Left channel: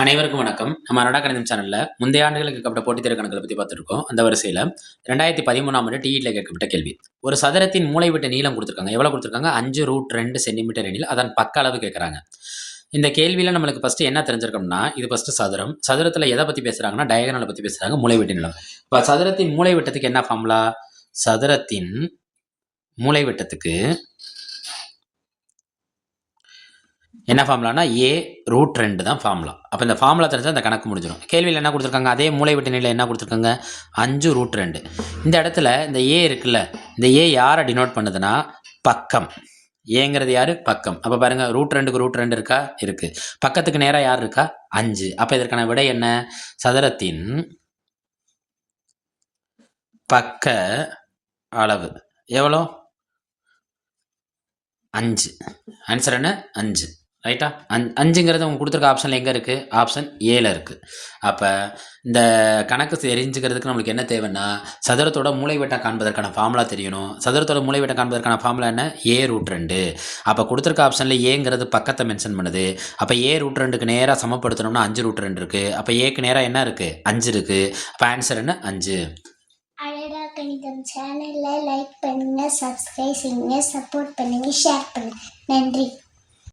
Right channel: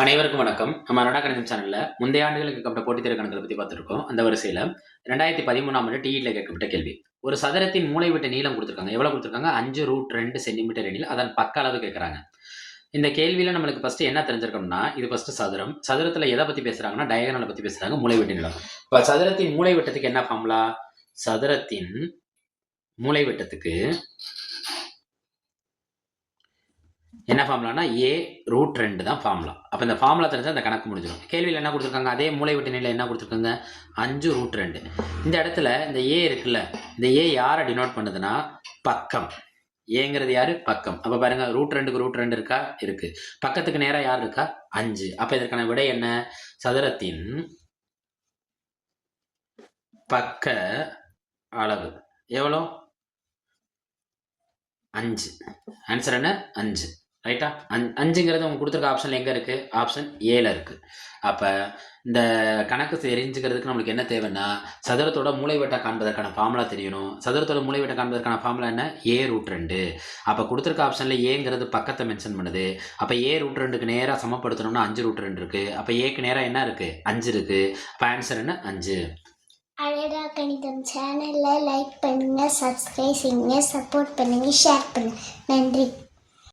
அனைவருக்கும் வணக்கம். நம்ம நடா கணிதம் சேனலில் முந்தைய ஆண்டுகளுக்கு கேட்கப்பட்ட போட்டித் தேர்வு கணக்குகளை பற்றி பார்த்துருக்கோம். அந்த வரிசையில் ரெண்டாயிரத்தி பதிமூணாம் ஆண்டு டிஇடியில் கேட்கப்பட்ட கேள்வி. ஒரு சதுரத்தின் மூலைவிட்ட நீளம் கொடுத்துருக்காங்க. எவ்வளோ கொடுத்துருக்காங்க? அஞ்சு ரூட் ரெண்டு சென்டிமீட்டர் எனில் அதன் பக்க அளவு கேட்குறாங்க. இந்த கேள்வியில் நம்மளுக்கு ஃபஸ்ட்டு என்ன தெரிஞ்சிருக்கோம்னா இது ஃபஸ்ட்டு சதுரம். சதுரத்தில் எதை பற்றி பேசுகிறாங்கன்னா டயகனலை பற்றி பேசுகிறாங்க மூலைவிட்ட நீளம். இப்போ சதுரத்தின் மூலைவிட்டத்துக்கு என்ன ஃபார்முலா சதுரத்தின் மூலைவிட்டத்துக்கு என்ன ஃபார்முலானா ஏ ரூட் ரெண்டு தான் ஃபார்முலா அப்போ இந்த ஃபார்முலா தெரிஞ்சால் அந்த கணக்கு முடிஞ்சிடும் கேள்வியில் என்ன கொடுத்துருக்காங்க? அதே மூளை விட்டு நிலையில் என்ன கொடுத்துருக்காங்க? அஞ்சு ரூட் ரெண்டு. இந்த இடத்துல இந்த ஏ இருக்குல்ல இந்த ஏ யாரை டினோட் பண்ணுதுன்னா? பக்கம். ஏங்கிறது யார்? பக்கம். அப்போ பாருங்க ரூட் ரெண்டுக்கு ரூட் ரெண்டு இருக்கா? இருக்குது பக்கத்துக்கு நேராக யார் இருக்கா? அஞ்சு. அப்போ இதற்கான விடை என்ன? சதுரத்தின் பக்க அளவு. எவ்வளோ அஞ்சு. ஆன்சர் என்ன? அஞ்சு. ரைட்டா அஞ் அஞ்சுங்கிறது அவங்க கொடுத்துருக்க ஆப்ஷனில் எங்கே இருக்குது ஆப்ஷன் ஏல இருக்குது அப்போ இந்த கணக்கு தெரிஞ்சுக்கிறதுக்கு நம்மளுக்கு என்ன தேவைன்னா சதுரத்தோட மூளைவட்டம் காண்பதற்கான ஃபார்முலா தெரியணும். சதுரத்தோட மூளைவட்டம் காண்பதற்கான ஃபார்முலா என்ன? ஏ ரூட் ரெண்டு. அப்போ கொடுத்துருக்க ஆப்ஷனில் ஏங்கிறது பக்கத்தை மென்ஷன் பண்ணுது. அப்போ ஏ ரூட் ரெண்டுக்கு நேராக சமப்படுத்தணும்னா அஞ்சு ரூட் ரெண்டு இருக்குது அப்போ ஏக்கு நேராக என்ன இருக்குது அஞ்சு இருக்குது அப்போ ஆன்சர் என்ன? அஞ்சு. அழகா கணிதம் சேனலில் லைக் பண்ணுங்கள் சப்ஸ்கிரைப் செய்யுங்க சப்போர்ட் பண்ணுங்கள் ஷேர் பண்ணுங்கள் நன்றி.